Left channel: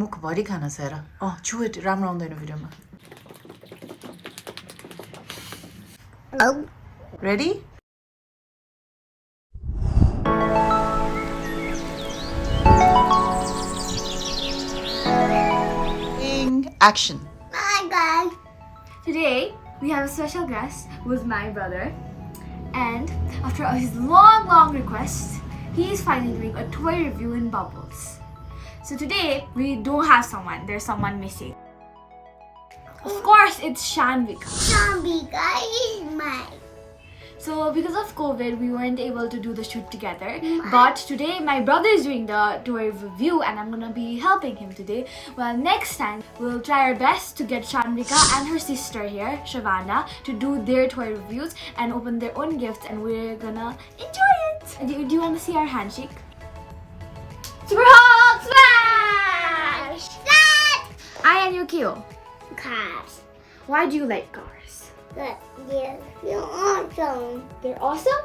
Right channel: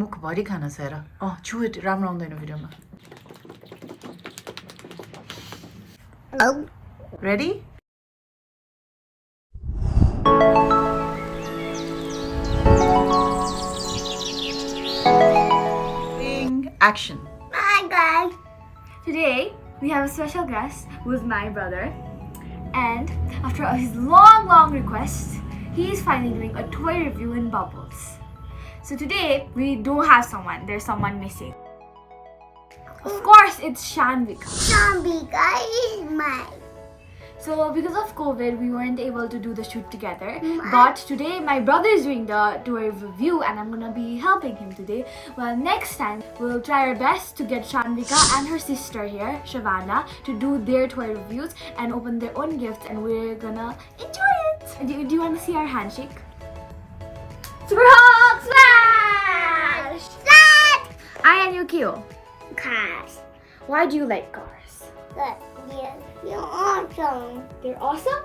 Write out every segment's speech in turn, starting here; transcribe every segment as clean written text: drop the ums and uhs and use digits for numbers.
मुखभरि खाना छ हेर छुट राम्रो आउँदैन भिडियोमा ready Action. Hi guys. Today we have a special guest with my brother, and after his long request, he is finally doing a toy review in Bubbles. So today we don't have someone. There's someone missing. Of course, it's Saanvika. Saanvika is mine. So because of COVID, we weren't able to do the shoot together. But today my brother is doing the toy review and I'm gonna be helping him today. Well, next time we'll try our best to get Saanvika and her sister here, Shavana, to do their toy reviews and open their own gifts, and we're gonna enjoy it. Do you want to see our handshake? Super Hulk Smash! Start! Aayan, you cute. Cars. Why do you like cars? Good. You're awesome. They're awesome?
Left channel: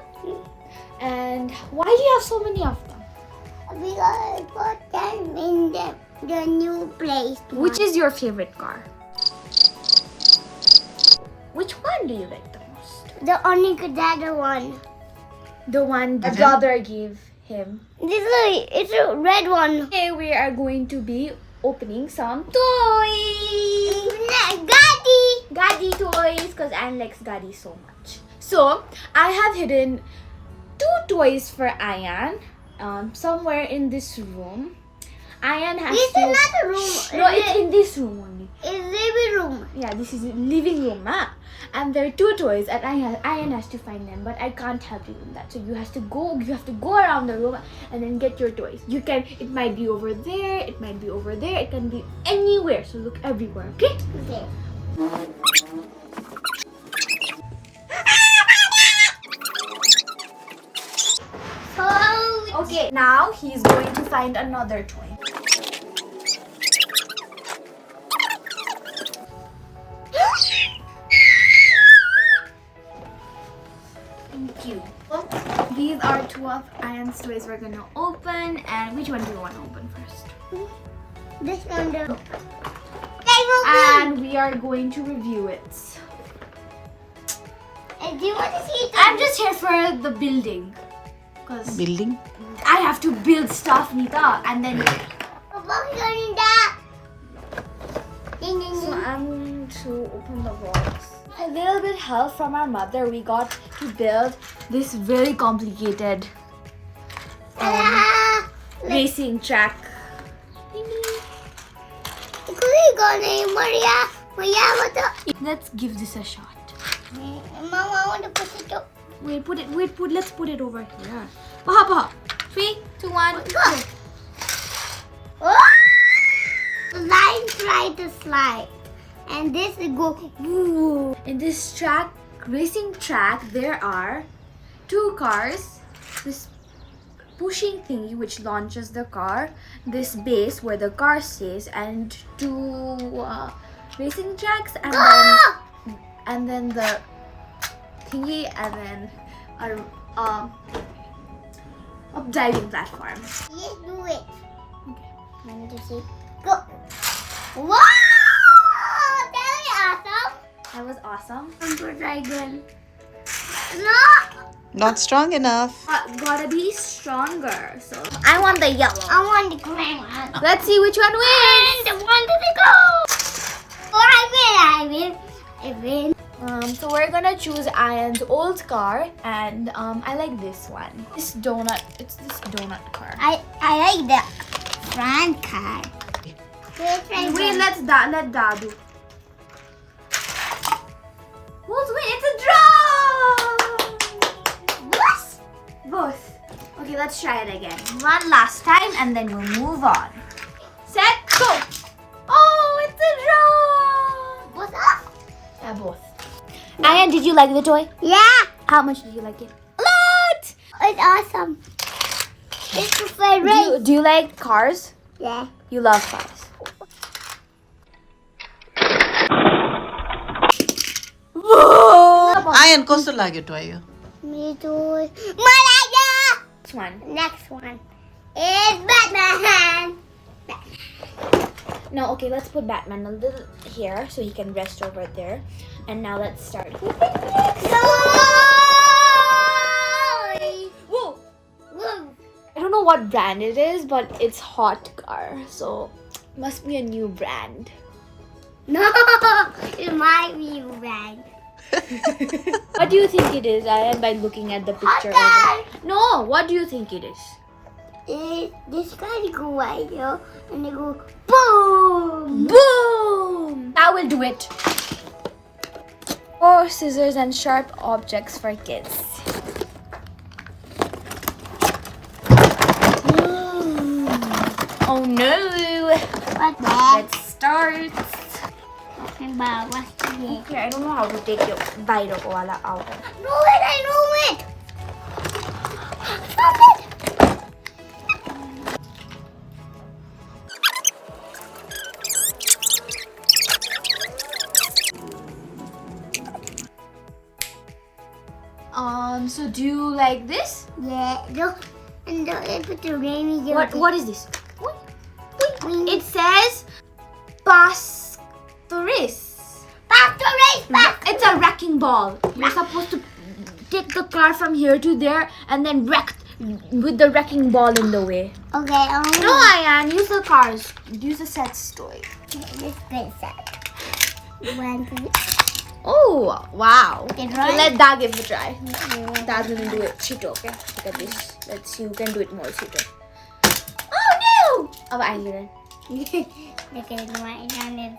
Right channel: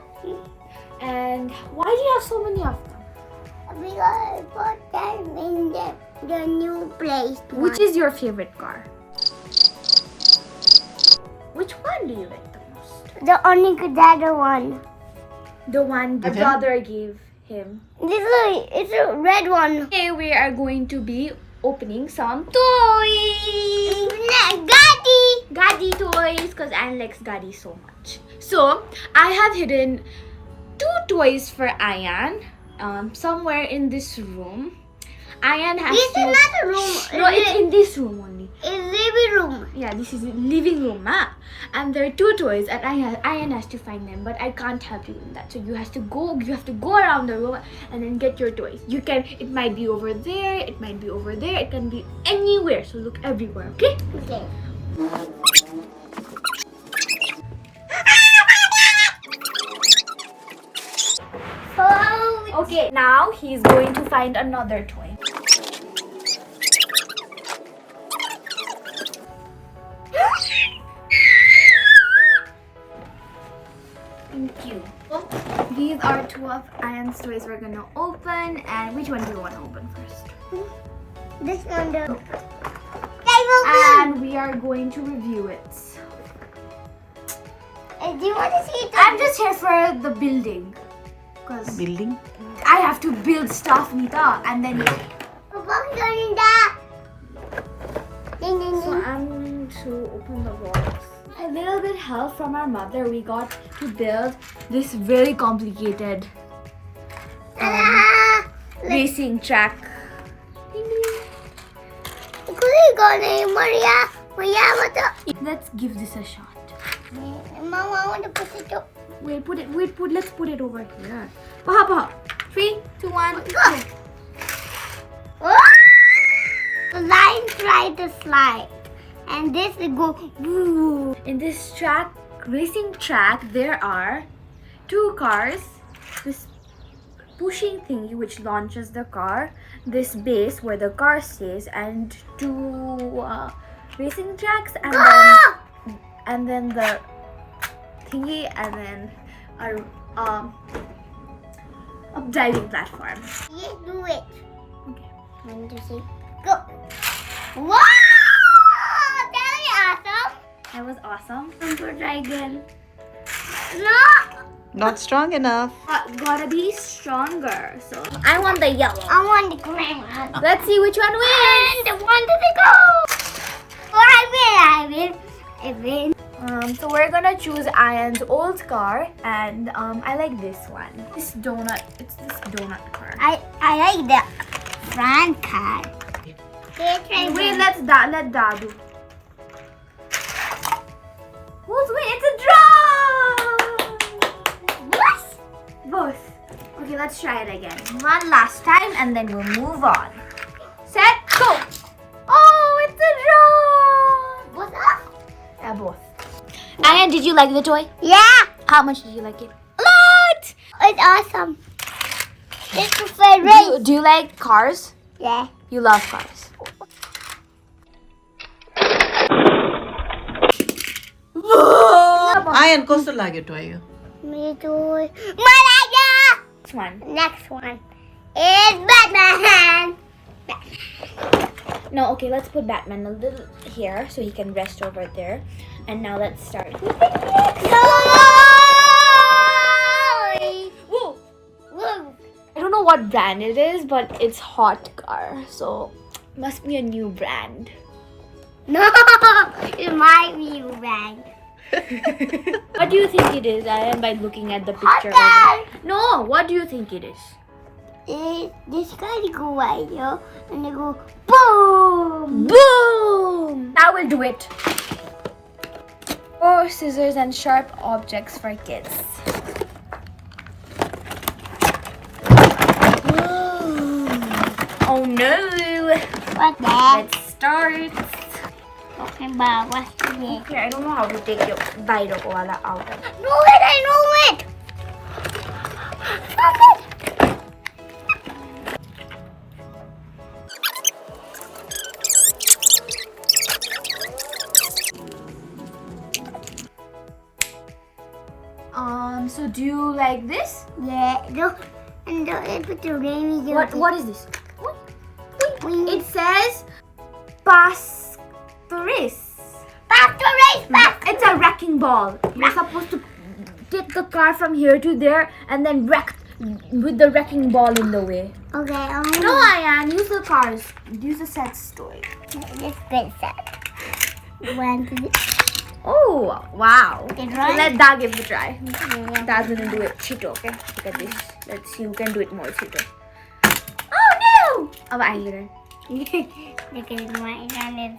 And why do you have so many of them? Because I put them in the new place. Which is your favorite car? Which one do you like the most? The only other one. The one my brother gave him. It's a red one. Today we are going to be opening some toys. Gadi toys, because Aayan likes Gadi so much. So I have hidden 2 toys for Aayan somewhere in this room. Aayan has This is not a room. No, it's in this room only. It's living room. Yeah, this is living room, and there are 2 toys, and Aayan has to find them, but I can't help you in that. So you have to go around the room and then get your toys. It might be over there, it might be over there, it can be anywhere. So look everywhere, okay? Okay. Okay, now he's going to find another toy. Thank you. These are 2 of Aayan's toys we're gonna open, and which one do you want to open first? This one. And we are going to review it. Do you want to see it? I'm just here for the building. Because Building? I have to build stuff, Nita, and then so I'm to open the box. A little bit help from our mother. We got to build this very complicated racing track. Let's give this a shot. Mama, I want to put it up. Let's put it over here. Paha. 3, 2, 1, go. The line try to slide. And this will go woo. In this racing track, there are 2 cars. This pushing thingy which launches the car, this base where the car stays, and 2 racing tracks, and then the thingy, and then a diving platform. Let's do it. Okay. 1, 2, 3, go. Wow! That was awesome. That was awesome. I'm going to try again. No! Not strong enough. Gotta be stronger. So I want the yellow. I want the green one. Let's see which one wins. And the one to go. Oh, I win. So we're gonna choose Aayan's old car, and I like this one. It's this donut car. I like the front car. Wait, let Dadu. Who's win? It's a draw! Both. Okay, let's try it again. One last time, and then we'll move on. Set, go! Oh, it's a draw! What's up? Yeah, both. Aayan, did you like the toy? Yeah. How much did you like it? A lot. It's awesome. It's my favorite. Do you like cars? Yeah. You love cars. Aayan, कस्तो लाग्यो toy yo? Me too. Malaga. Next one. Next one is Batman. No, okay, let's put Batman a little here so he can rest over there. And now let's start. Whoa! Woo. I don't know what brand it is, but it's hot car, so must be a new brand. No, it might be red. What do you think it is, Aayan, by looking at the picture? Hot No, what do you think it is? This guy go right here and they go boom. Boom! Now we'll do it. 4 scissors and sharp objects for kids. Oh no! What's that? Let's start. Talking about what's this? Okay, I don't know how to take your biro ko wala out. Know it, I know it. Stop it. So do you like this? Yeah, look, and put the rainy. What is this? What? It It says Pastoris. back to race back. It's a wrecking ball. You're supposed to take the car from here to there and then wreck with the wrecking ball in the way. Okay, No, Aayan, use the cars. Use the set toy. This place set. 1, 2, Oh, wow. Did So right? let Dad give it a try. Dad's gonna do it cheato, okay? Look at this. Let's see who can do it more cheato. Oh no! Oh, I get it. Look at it, my hand is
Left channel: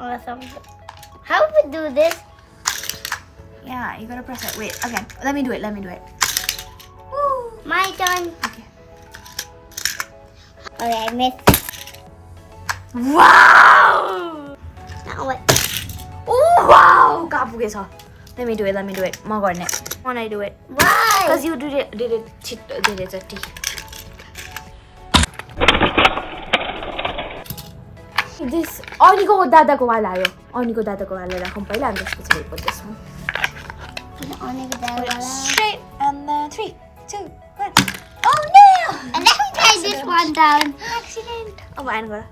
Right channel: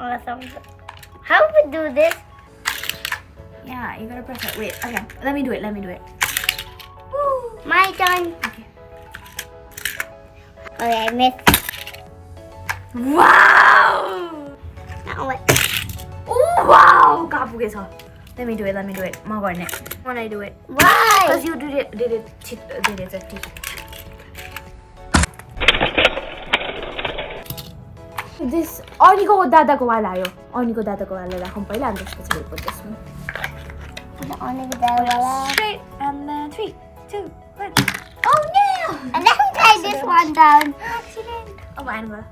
awesome. How we do this? Yeah, you gotta press it. Wait, again. Let me do it. Woo. My turn. Okay, I missed. Wow! Now what? Oh, wow! Kapugeso. Let me do it. Mo garne. When I do it. Why? Because you did it cheato. This, Oniko dada ko wala yo. Oniko dada ko wala la. Kung pala, and just put this one. Only the wala. Straight, and then 3, 2, 1. Oh no! And let me try this one down. Accident. Oh, mine go.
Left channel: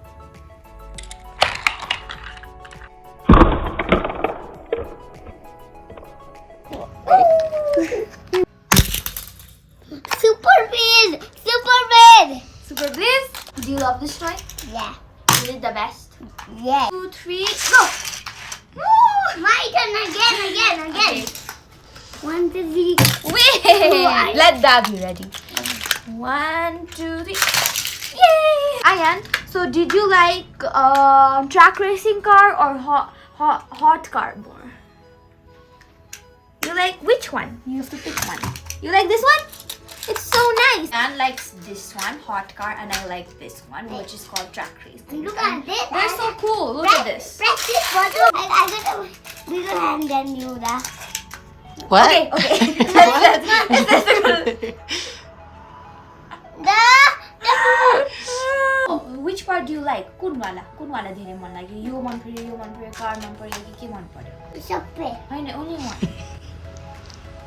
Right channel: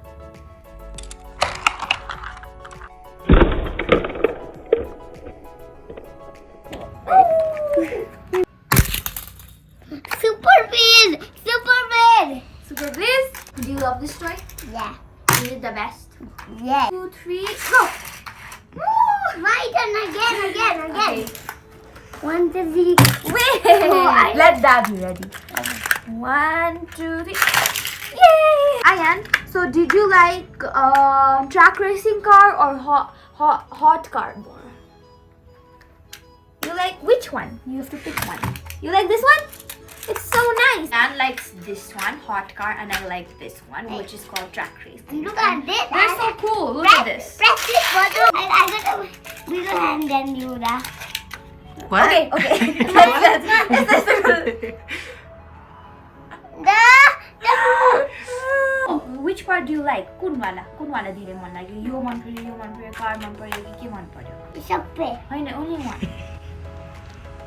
Super big! Super big! Super Bliss, do you love this toy? Yeah. You did the best. Yeah. 2, 3, go! My turn again. Okay. 1, 2, 3. Wait! Let Dad be ready. 1, 2, 3. Yay! Aayan, so did you like track racing car or hot car more? You like which one? You have to pick one. You like this one? It's so nice. Anne likes this one, hot car, and I like this one, which is called track racing. And look at this. They're so cool. Look at this. Press this button. I got a bigger hand than you, da. What? Okay. Which part do you like? Kun wala dire man lagyo. Yo man paryo, car man paryo, ke man paryo. It's a pet. Only one.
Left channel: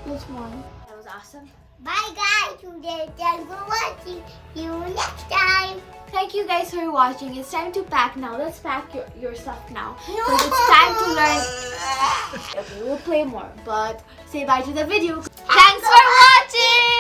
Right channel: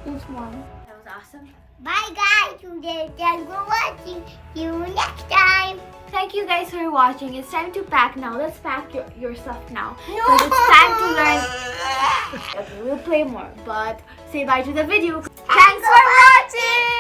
This one. That was awesome. Bye guys. Today, thanks for watching. See you next time. Thank you guys for watching. It's time to pack now. Let's pack your stuff now. Because it's time to learn. Okay, we'll play more. But say bye to the video. Thanks for watching.